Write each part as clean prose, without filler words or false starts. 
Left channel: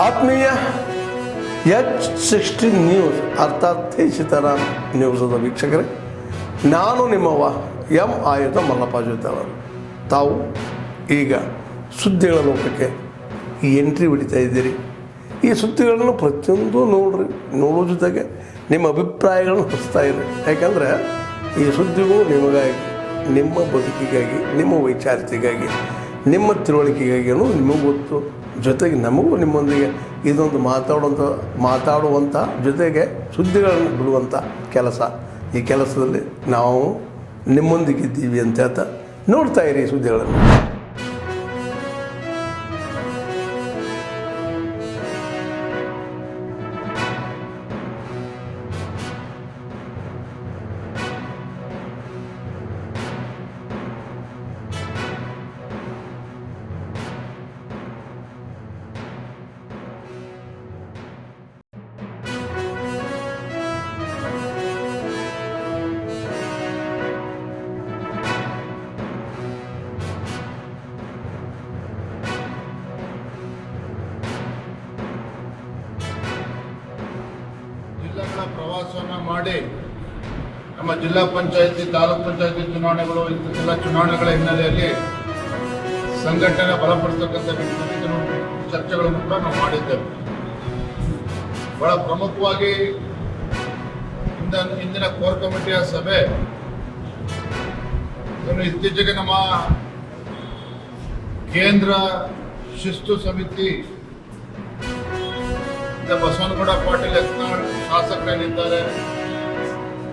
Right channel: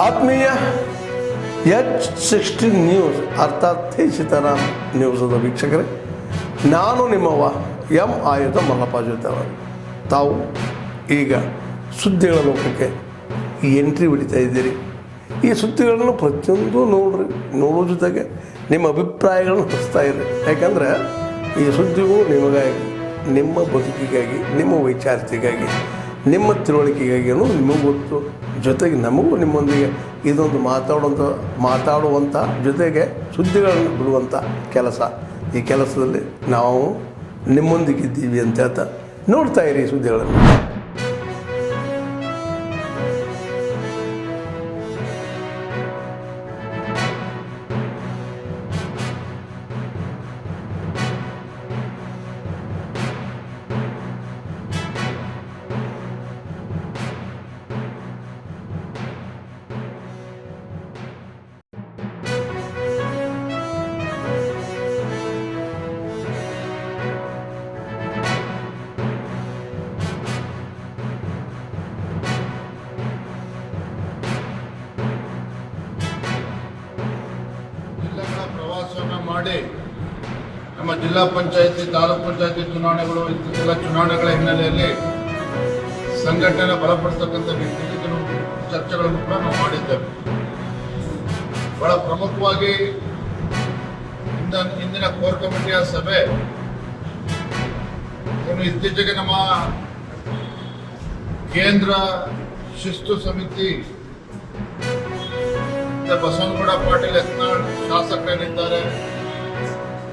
ಆತ್ಮೀಯ H16 news ಅರ್ಥಾತ್ ತಿ ಸೀತಾರಾಮ್ ನ್ಯೂಸದ ವೀಕ್ಷಕರೇ, ನಾನು ನಿಮ್ಮವ ಎಂ ಆಯುಧ ಮಲ್ಲಪ್ಪ ಜೊತೆಯವರು. ತಾವು ಈಗ ಸುದ್ದಿಗಳ ಲೋಕಕ್ಕೆ ಎಂಟ್ರಿ ಹೊಡಿತಾ ಇದ್ದೀರಿ. ಈ ಸುದ್ದಿಗಳನ್ನು ಪ್ರತಿಯೊಂದು ನೋಡೋ ಜೊತೆಗೆ ನಿಮ್ಮ ಅಭಿಪ್ರಾಯಗಳನ್ನು ಹಚ್ತಾ ಇರಿ. ಯಾಕಂದರೆ ಈ ಸುದ್ದಿಗಳು ನಿಮಗಾಗಿ, ನಿಮ್ಮ ಬದುಕಿಗಾಗಿ, ನಿಮ್ಮ ವೈಚಾರಿಕೆಗಾಗಿ, ನಿಮ್ಮ ತಿಳುವಳಿಕೆಗಾಗಿ ನಿಮಗೂ ಗೊತ್ತು. ಜೊತೆಗೆ ನಮಗೂ ನಿಮ್ಮೊಂದಿಗೆ ಇದೊಂದು ಮಾತಾಡುವಂಥ ಜೊತೆಗೆ ಸುದ್ದಿಗಳನ್ನು ಬಿಡುವಂಥ ಕೆಲಸ. ಈ ಕೆಲಸದಲ್ಲಿ ನಾವು ನಿಮ್ಮೊಂದಿಗಿದ್ದೀವಿ ಅಂತ ಹೇಳ್ತಾ ನೋಡ್ತಾ ಇರಿ ಸುದ್ದಿಗಳನ್ನು. ಜಿಲ್ಲೆಗಳ ಪ್ರವಾಸವನ್ನು ಮಾಡಿ ನಮ್ಮ ಜಿಲ್ಲಾ ಪಂಚಾಯತಿ, ತಾಲೂಕು ಪಂಚಾಯತಿ ಚುನಾವಣೆಗಳು, ಇತ್ತೀಚೆಲ್ಲ ಚುನಾವಣೆಗಳ ಹಿನ್ನೆಲೆಯಲ್ಲಿ ಸಂಘಟನೆ ಬಲಪಡಿಸತಕ್ಕಂಥ ನಿಟ್ಟಿನಲ್ಲಿ ಚರ್ಚೆಗಳನ್ನು ಕೂಡ ನಾವು ಮಾಡಿದ್ದೇವೆ. ಬಹಳ ಪ್ರಮುಖವಾಗಿ ಇಂದಿನ ಕೋರ್ ಕಮಿಟಿಯ ಸಭೆ ಇತ್ತೀಚೆಗೆ ನಮ್ಮ ಕೇಂದ್ರ ಶಿಸ್ತು ಸಮಿತಿ ಬಸವನಗೌಡ ಪಾಟೀಲ್ ಯತ್ನಾಳ್ ಶಾಸಕರೇನಿದ್ದಾರೆ,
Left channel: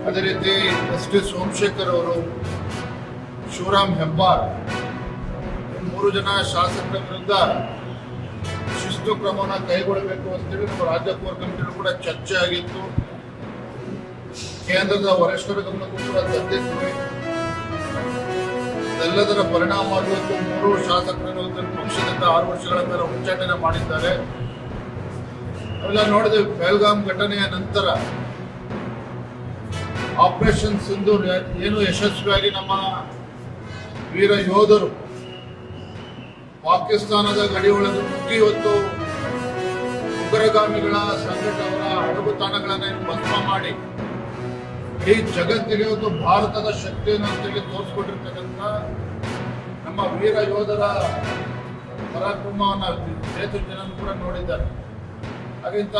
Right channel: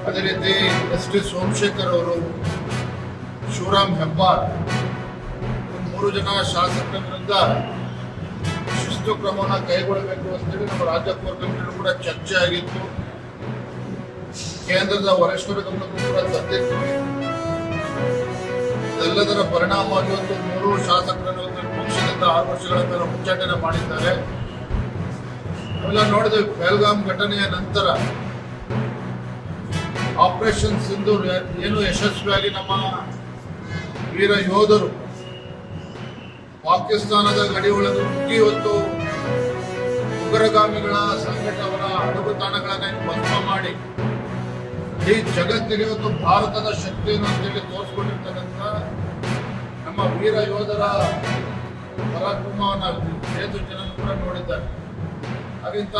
ಅದೇ ರೀತಿ ಎಸ್.ಟಿ. ಸೋಮಶೇಖರ್ ಅವರು, ಶಿವರಾಮ್ ಹೆಬ್ಬಾರ್, ಈ 3 ಜನ ಶಾಸಕರ ವಿರುದ್ಧ ಶಿಸ್ತು ಕ್ರಮವನ್ನು ಕೈಗೊಳ್ಳಬೇಕು ಅಂತೇಳಿ ನಮ್ಮ ರಾಜ್ಯ ಕೋರ್ ಕಮಿಟಿಯಲ್ಲೂ ಕೂಡ ಚರ್ಚೆ ಆಗಿತ್ತು. ಕೇಂದ್ರದ ವರಿಷ್ಠರ ಗಮನಕ್ಕೂ ಕೂಡ ತಂದಿದ್ವಿ. ಇದೆಲ್ಲದರ ಪರಿಣಾಮವಾಗಿ ಇವತ್ತು 3 ಶಾಸಕರನ್ನು ಪಕ್ಷದಿಂದ 6 ವರ್ಷಗಳ ಕಾಲ ಉಚ್ಚಾಟನೆ ಮಾಡಿದ್ದಾರೆ. ಅವೆಲ್ಲ ನೋಡಿದ್ವಿ. ಪಹಲ್ಗಾಮ್ ಘಟನೆಯ ನಂತರ ಆಪರೇಷನ್ ಸಿಂಧೂರ್ ಏನು ಯಶಸ್ವಿಯಾಗಿ ನಮ್ಮ ವೀರ ಯೋಧರು ಪಾಕಿಸ್ತಾನದ ಗಡಿ ಒಳಗೆ ನುಗ್ಗಿ ಇವತ್ತು ಉಗ್ರಗಾಮಿಗಳ ಸಂಘಟನೆಗಳ ಅಡಗುತಾಣಗಳನ್ನು ಭಸ್ಮ ಮಾಡಿ ಈ ಜಗತ್ತಿಗೆ ಇವತ್ತು ಭಾರತದ ಶಕ್ತಿಯನ್ನು ಅಂತೇಳಿ ತೋರಿಸ್ಕೊಟ್ಟಿರ್ತಕ್ಕಂಥ ನಮ್ಮ ವೀರ ಯೋಧರ ಪರಾಕ್ರಮವನ್ನು ಜನರು ಕೂಡ ನೋಡಿದ್ದಾರೆ. ಹಾಗಿಂತ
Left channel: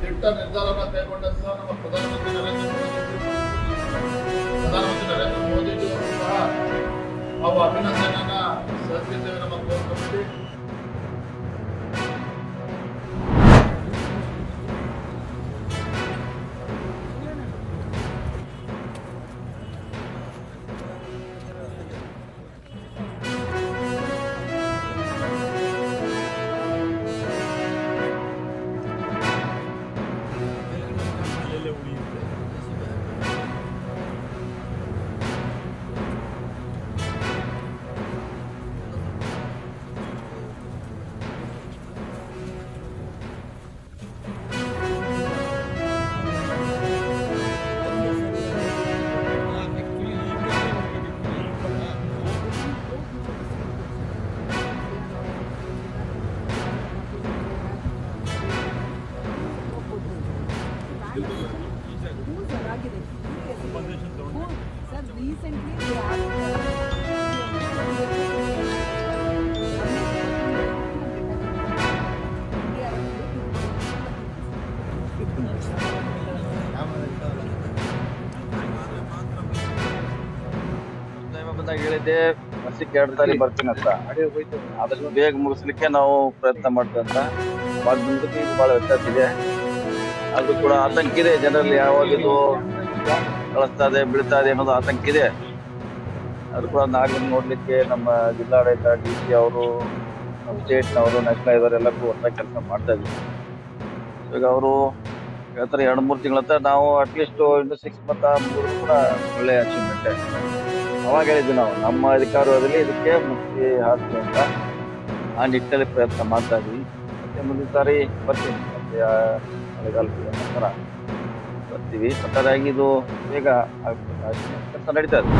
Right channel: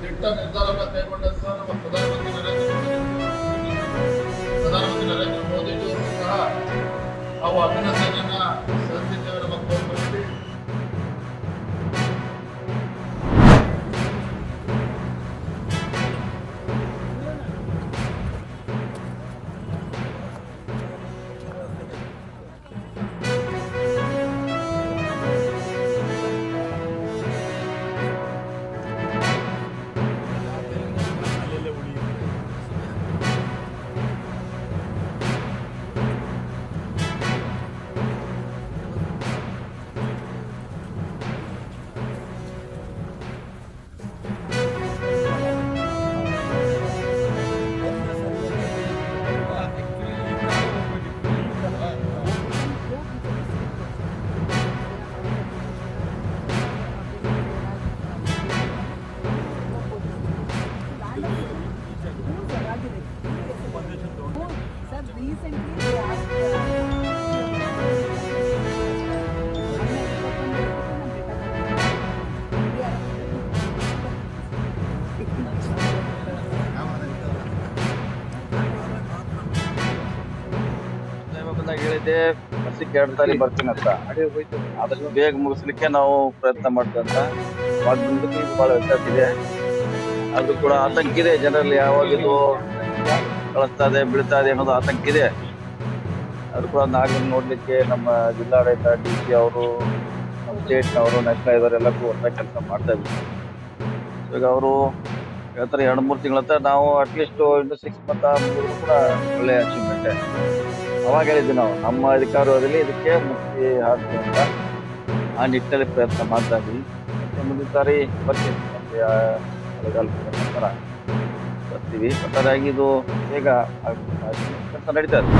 ದಿಟ್ಟ ನಿರ್ಧಾರವನ್ನು ಕೈಗೊಂಡಂತ ನಮ್ಮ ಪ್ರಧಾನಮಂತ್ರಿ ನರೇಂದ್ರ ಮೋದಿಜಿಯವರು ಸಹ ನಾವು ಅಭಿನಂದನೆಯನ್ನ ಸಲ್ಲಿಸಿದ್ದೇವೆ ನಮ್ಮ core committee. Sir, recently they asked ಬಂದಾಗ ಹೇಳಿದ್ದೆ ವರ್ಷಕ್ಕೆ 2 ಸಾರಿ ಬರ್ತೀನಿ ಅಂತ. ಆದಷ್ಟು ಬೇಗ ಮುಗಿಸ್ಲಿಕ್ಕೆ ನಾವು ಪ್ರಯತ್ನ ಮಾಡ್ತಂತ. ಅವಾಗ ಬಂದಕ್ಕೆ ಈಗ ಬಹಳ ವ್ಯತ್ಯಾಸ ಇದೆ. ಅದು ಕೂಡ ಆತಂಕ ಇದೆ ಜನರಲ್ಲಿ. ಯಾವಾಗ ಇದು ಕಳಿಸ್ತಾ ಇದೆ, ಬೀಳ್ತಾ ಇದೆ ಅನ್ನೋದು ಆತಂಕ ಇದೆ. ಅದು ಕೂಡ ನಾಳೆ ನೋಡ್ಲಿಕ್ಕೆ ನಮ್ಮ ಜಿಲ್ಲಾಡಳಿತ, DC ಅವರು, ನಮ್ಮ ಸ್ಟೇಟ್ನವರು, ನ್ಯಾಷನಲ್ ಇವರೆಲ್ಲಕ್ಕೂ ಹೊಸ ಕೆಲಸ ಮಾಡ್ತಾ ಇದ್ದೀವಿ. ಈಗ ಅವರು ಹೇಳ್ತಾರೆ 2-3 ತಿಂಗಳ ಹತ್ರ ನಾವು ಅಟ್ಲೀಸ್ಟ್ ಇನ್ನು 6 ಮಂತ್ ಮುಗಿದ್ರು ಕೂಡ ಒಳ್ಳೆ ಅಚೀವ್ಮೆಂಟೇ. ಅವಾಗ ಹೇಳಿದ್ವಿ ನಾವು ನಮ್ಮ ಅಧಿಕಾರದಲ್ಲಿ ಇದಕ್ಕೆ ಮುಕ್ತಿ ಹಾಕ್ತೀವಿ ಅಂತ. ಆ ನಿಟ್ಟಿನಲ್ಲಿ ಪ್ರಯತ್ನ ಮಾಡ್ತಾ ಇದ್ವಿ. ಮತ್ತೆ ಮುಂದಿನ ಸಾರಿ ಬರ್ತೀನಿ. ಮತ್ತೆ ಮಳೆಗಾಲದ ನಂತರ ಬರ್ತೀವಿ. ಒಟ್ಟಾರೆಯಾಗಿ ಇದು ಬೇಗ ಕೆಲಸ ನಡೀತಾ ಇದೆ.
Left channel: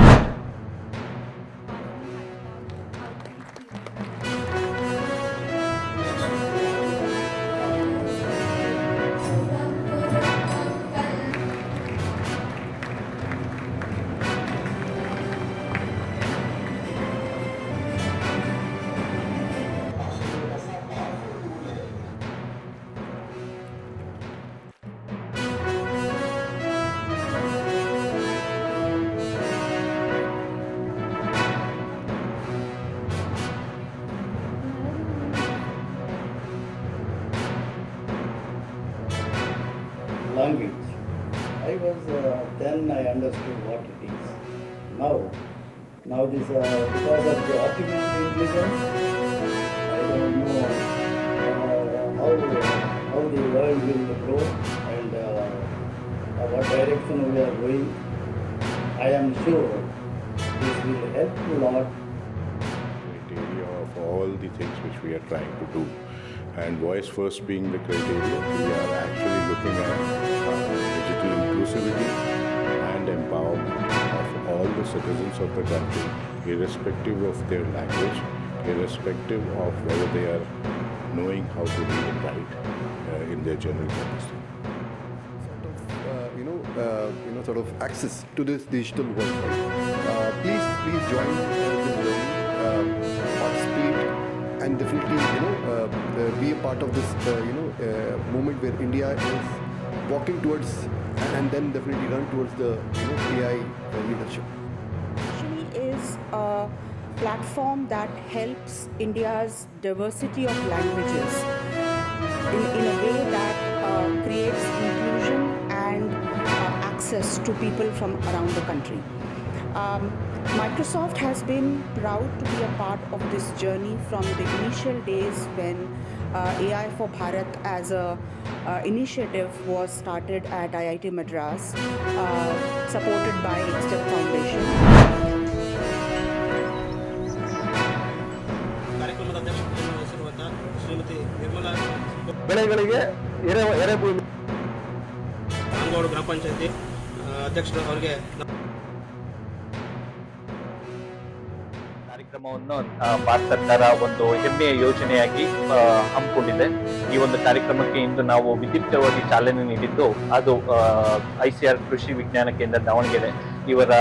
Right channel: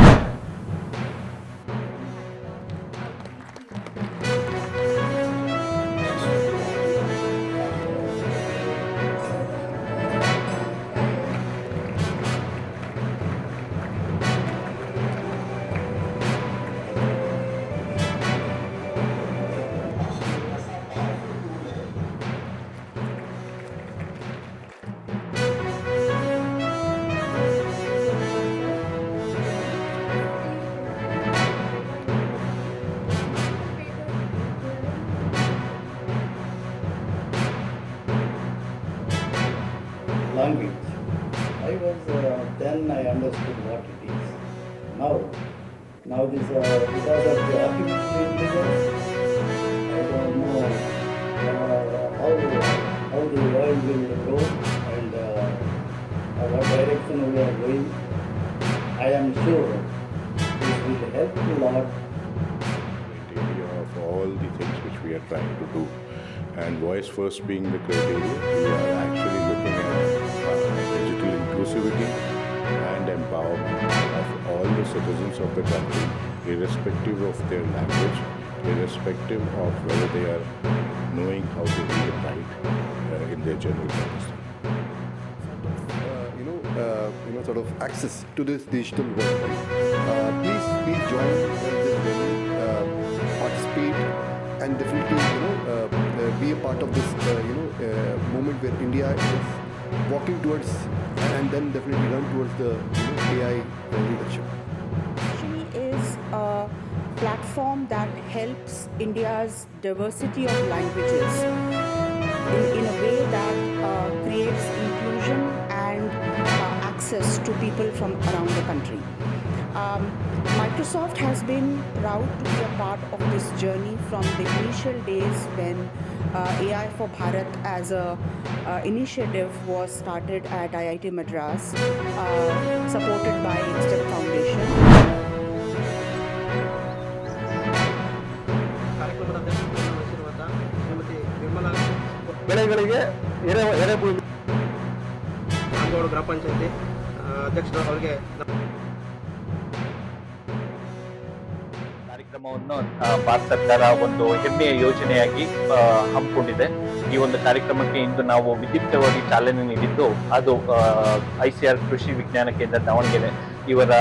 language. I was then I understood what it is. Now this because of the artificial intelligence, I don't know how the world will go and what direction we are going. I am sure this will help a lot. Criteria of all the things which we are trying to do, and voice first being the criteria, we are actually looking at digital inclusivity and empowerment of all the citizens of the country, irrespective of their language, irrespective of whether they are knowing how to read and write in their general purpose. Sort of access to this digital world, right? Please join this journey, participate, and definitely be a part of this movement where India is walking towards and then definitely run towards the AI leadership. Actually is a platform that helps India's diversity of languages in a way that creates inclusion and access to people from around the country. Microsoft has been proud to be a part of this journey from the initial days when AI for Bharat as a initiative was started at IIT Madras, supported by Step Foundation. ಕಾರ್ಯಕ್ರಮದ ಅಧ್ಯಕ್ಷತೆಯನ್ನು ವಹಿಸಿರುವಂತಹ ಶ್ರೀಮತಿ ನಿರ್ಮಲಾ ಬೆಳೆಗಳಿಗೆ ಎರೆಭೂಮಿ ಅಂಗೋಡು ಗ್ರಾಮ ಪಂಚಾಯತಿ ಅಧ್ಯಕ್ಷರು ಅವರಿಗೆ ಕಾರ್ಯಕ್ರಮವನ್ನು ಭಾರತ ಸರ್ಕಾರ ಒಂದು ಹೆಮ್ಮೆಯ ಯೋಜನೆಯಾಗಿ ಹಮ್ಮಿಕೊಂಡಿದೆ. ಈ ಒಂದು ಕಾರ್ಯಕ್ರಮಕ್ಕೆ ಇಂದು ನಾವು ವಿದ್ಯುಕ್ತವಾಗಿ ಚಾಲನೆ ನೀಡಿದ್ದು ಅದು ICR ಕೃಷಿ ವಿಜ್ಞಾನ ಕೇಂದ್ರ ದಾವಣಗೆರೆ ಇವರ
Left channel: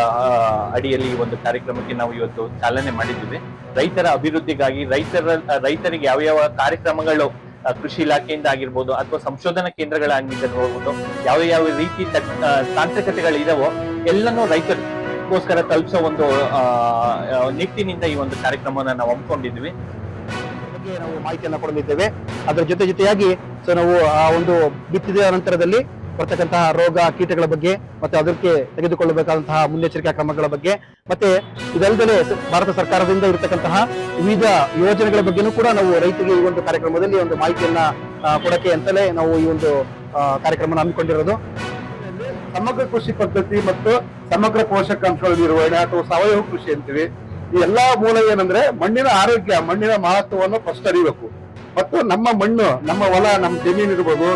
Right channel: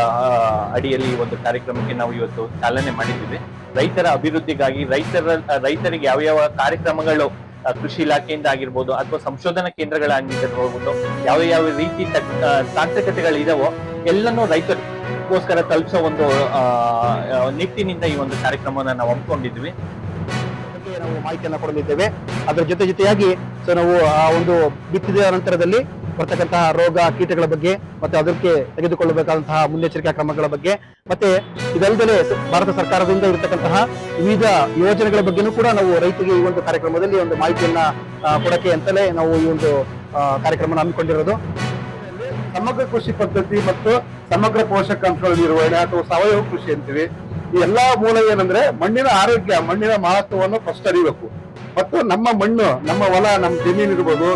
ಅಡಿಯಲ್ಲಿ ಈ ಒಂದು ಕಾರ್ಯಕ್ರಮಕ್ಕೆ ನಾವು ಇವತ್ತು ಚಾಲನೆ ಮಾಡಿದ್ದೀವಿ. ರೈತರ ಅಭಿವೃದ್ಧಿಗಾಗಿ ರೈತರಿಗೆ ಯಾವ ಕಾರ್ಯಕ್ರಮಗಳು ಕೃಷಿ ಇಲಾಖೆಯಿಂದ ಆಗಿರ್ಬೋದು ಅಥವಾ ಸಂಶೋಧನಾ ಕೇಂದ್ರಗಳಾಗಿರ್ಬೋದು, ಯಾವ ರೀತಿ ತಾಂತ್ರಿಕತೆಗಳಿದಾವೋ ಎಲ್ಲನೂ ರೈತರಿಗೋಸ್ಕರ ತಲುಪಿಸೋ ಒಂದು ನಿಟ್ಟಿನಿಂದ ಈ ಒಂದು ಕಾರ್ಯಕ್ರಮವನ್ನು ನಾವು ಹಮ್ಮಿಕೊಂಡಿದ್ವಿ. ಬಗ್ಗೆ ನಾವು ಮಾಹಿತಿಯನ್ನು ಕೊಡಲಿದ್ದೇವೆ. ಅದರ ಜೊತೆಯಾಗಿ ನಾವು ಆ ಒಂದು ಬಿತ್ತಿದ ನಂತರದಲ್ಲಿ ಬರ್ತಕ್ಕಂತಹ ರೋಗ ಕೀಟಗಳ ಬಗ್ಗೆ ಮತ್ತೆ ಅದಕ್ಕೆ ತೆಗೆದುಕೊಳ್ಳಬೇಕಾದಂತಹ ಮುನ್ನೆಚ್ಚರಿಕಾ ಕ್ರಮಗಳ ಬಗ್ಗೆ ಮತ್ತೆ ಇದಲ್ಲದೆ ಭಾರತ ಸರ್ಕಾರದಿಂದ ಇರತಕ್ಕಂತಹ ವಿವಿಧ ಯೋಜನೆಗಳ ಬಗ್ಗೆನೂ ಕೂಡ ನಾವು ರೈತರಿಗೆ ಈ ಒಂದು ಕಾರ್ಯಕ್ರಮದಲ್ಲಿ ಒಂದು ಮಾಹಿತಿಯನ್ನ ಕೊಡಕ್ಕೆ ಅಂತಲೇ ನಾವು ಈ ಒಂದು ಕಾರ್ಯಕ್ರಮ ಹಮ್ಮಿಕೊಂಡಿರೋದು. ಸಮಗ್ರ ಕೃಷಿ ಪದ್ಧತಿ ಮತ್ತು ಸಮಗ್ರ ಪೋಷಕಾಂಶಗಳ ನಿರ್ವಹಣೆ ಅಥವಾ ಸಾವಯವ ಕೃಷಿ ಅಂತೀವಿ. ಈ ಎಲ್ಲಾ ಮೂಲ ಏನಂದ್ರೆ ಮಣ್ಣಿನ ಆರೋಗ್ಯ, ಮಣ್ಣಿನ ಮಹತ್ವವನ್ನು ಫಸ್ಟ್ ಅರಿಬೇಕು. ಮತ್ತು ನಮ್ಮ ಮಣ್ಣು, ನಮ್ಮ ಹೊಲ, ನಮ್ಮ ಜಮೀನು ಇರ್ಬೋದು,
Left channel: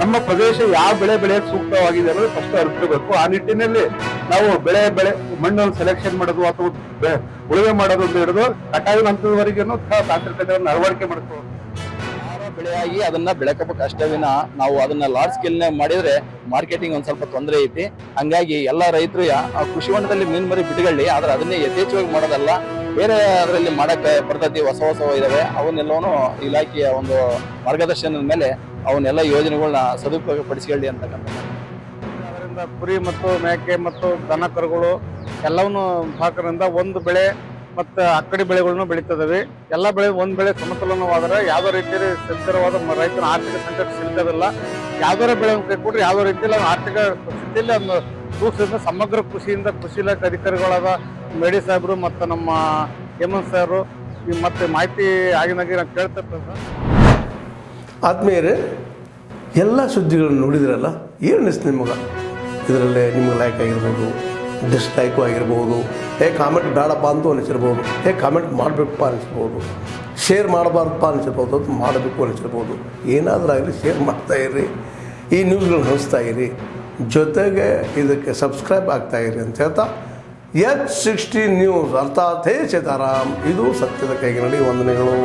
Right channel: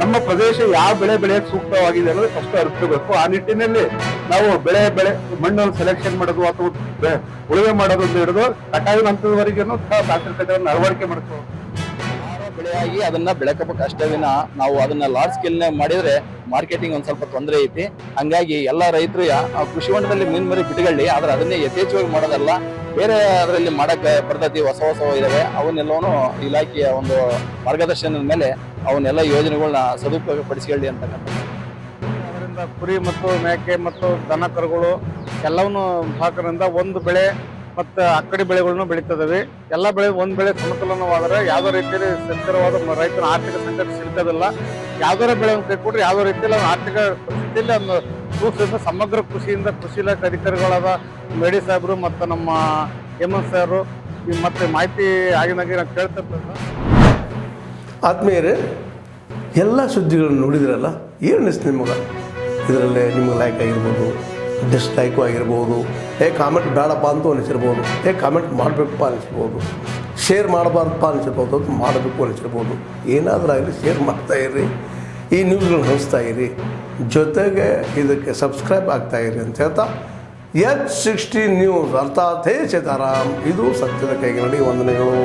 ನಮ್ಮ ಪ್ರದೇಶ ಯಾವ ಬೆಳೆ ಬೆಳೆಯಕ್ಕೆ ಸೂಕ್ತವಾಗಿದೆ ಅನ್ನೋದು ಫಸ್ಟ್ ಅರಿಸ್ಕೋಬೇಕು. ಆ ನಿಟ್ಟಿನಲ್ಲಿ ನಾವು ಮಣ್ಣನ್ನು ಸೆಲೆಕ್ಷನ್ ಮಾಡೋದು ಅಥವಾ ಉಳುಮೆ ಮಾಡೋದು ಅಂತ ಹಿಡಿದು ಕಟಾವಿನ ಹಂತದವರೆಗೂ ತಾಂತ್ರಿಕತೆಯನ್ನು ಅಳವಡಿಕೆ ಮಾಡ್ಕೋ ಬೆಳೆಯಾಗಿ ಅದನ್ನ ಬೆಳಕಬೇಕು ಅಷ್ಟೇ ವಿನ ನಾವು ಅದನ್ನ ಲಾರ್ಜ್ ಸ್ಕೇಲ್ ಮಾಡಿದ್ರೆ ಮಾರ್ಕೆಟಿಂಗ್ ಒಂದ್ ಸ್ವಲ್ಪ ತೊಂದರೆ ಐತಿ. ಹಂಗಾಗಿ ಎಲ್ಲಾ ರೈತರು ಕೃಷಿ ಹೊಂಡದಲ್ಲಿ ಮೀನ್ ಮರಿ ಬಿಟ್ಕೊಳ್ಳಿ, ಆದ್ರೆ ಅದನ್ನೇ ಯಥೇಚ್ಛವಾಗಿ ಮಾಡೋದಲ್ಲ, ಬೇರೆ ಅದರಲ್ಲಿ ಮಾಡಕ್ ಬರ್ತೈತಿ, ಹೊಸ ಇದಾವೆ. ಅವನ್ನೆಲ್ಲವೂ ಇಲಾಖೆಯ ಒಂದು ಮಾರ್ಗದರ್ಶನದ ಮೇಲೆ ಅವನ್ನೆಲ್ಲ ಯೋಜನೆಗಳನ್ನ ಸದುಪಯೋಗ ಪಡಿಸಿಕೊಳ್ಳಿ ಅಂತಕ್ಕಂಥ. ಅದರಿಂದ ಕುರಿ ಮತ್ತು ಮೇಕೆ ಮತ್ತು ದನ ಕರುಗಳು ಎಲ್ಲವನ್ನೂ ಹಾಕೋದ್ರಿಂದ ಒಂದು ಬೆಳೆ ಮತ್ತು ಅಕ್ಕಡಿ ಬೆಳೆಗಳನ್ನು ಬೆಳೀತದವೆ. ಎಲ್ಲ ಬೆಳೆ ಒಂದ್ ಬೆಳೆ ಸಮತೋಲನವಾದರೆ ಯಾವುದೇ ರೀತಿಯಲ್ಲಿ ಸ್ಥಿರವಾದ ರೈತನ ಆರ್ಥಿಕ ಸಂಕಟ ಸಿಲ್ಕೋದಿಲ್ಲ. ಯಾವ್ದಾರ ಬೆಳೆ ಕೈ ಕೊಟ್ರೆ ಯಾವುದೇ ರೀತಿಯಲ್ಲಿ ಆರ್ಥಿಕ ಸ್ಥಿತಿಯಲ್ಲಿ ಒಂದು ಸೂಕ್ಷ್ಮದಿಂದ ಸಮಗ್ರ ಕೃಷಿ ಇಲಾಖೆ ಅಧಿಕಾರಿಗಳಾದ ಮೇಡಿ ಸಾಹೇಬರು ಮತ್ತು ನಮ್ಮ ಹೇಮಂತ್ ಸಾಹೇಬರು ಮತ್ತೆ ಮಾಹಿತಿ ಆಗಿನಾಗಿ ನಾವು ಕೇಳ್ತಿರ್ತದ. ಆತ್ಮೀಯರೇ, ಎಲ್ಲ ಸುದ್ದಿಗಳನ್ನು ನೋಡಿದ್ರಲ್ಲ, ಏನು ಅನಿಸ್ತು ನಿಮಗೆ? ಇದರಲ್ಲೇ ನಿಮ್ಗೆ ಲೈಕ್ ಆಗಿರ್ಬೋದು, ಡಿಸ್ಲೈಕು ಆಗಿರ್ಬೋದು, ಕಾಮೆಂಟ್ ಬೇಡಪ್ಪ ಅಂತೂ ಅನಿಸಿರ್ಬೋದು, ಕಾಮೆಂಟ್ ಮಾಡಬೇಕಪ್ಪ ಅನಿಸಿರ್ಬೋದು, ಶೇರ್ ಮಾಡಬಾರ್ದಪ್ಪ ಅನಿಸಿರ್ಬೋದು, ಅದು ಮಾಡಬೇಕು ಅನಿಸಿರ್ಬೋದು. ಏನಾದರೂ ಆಗಲಿ ಶೇರ್ ಮಾಡ್ತಾಯಿರಿ, ಈ ನ್ಯೂಸ್ಗಳನ್ನ ಹಂಚ್ತಾ ಇರಿ, ಜೊತೆಗೆ ಇದಕ್ಕೆ ಸಬ್ಸ್ಕ್ರೈಬ್ ಆಗ್ತಾಯಿರಿ ಅಂತ ಹೇಳ್ತಾ H16 ನ್ಯೂಸ್ ಅರ್ಥಾತ್ ಹೇ ಸೀತಾರಾಮ್, ಇದು ಸತ್ಯದ ಕೈಗೆ ನಡಿ. ವಂದನೆಗಳು.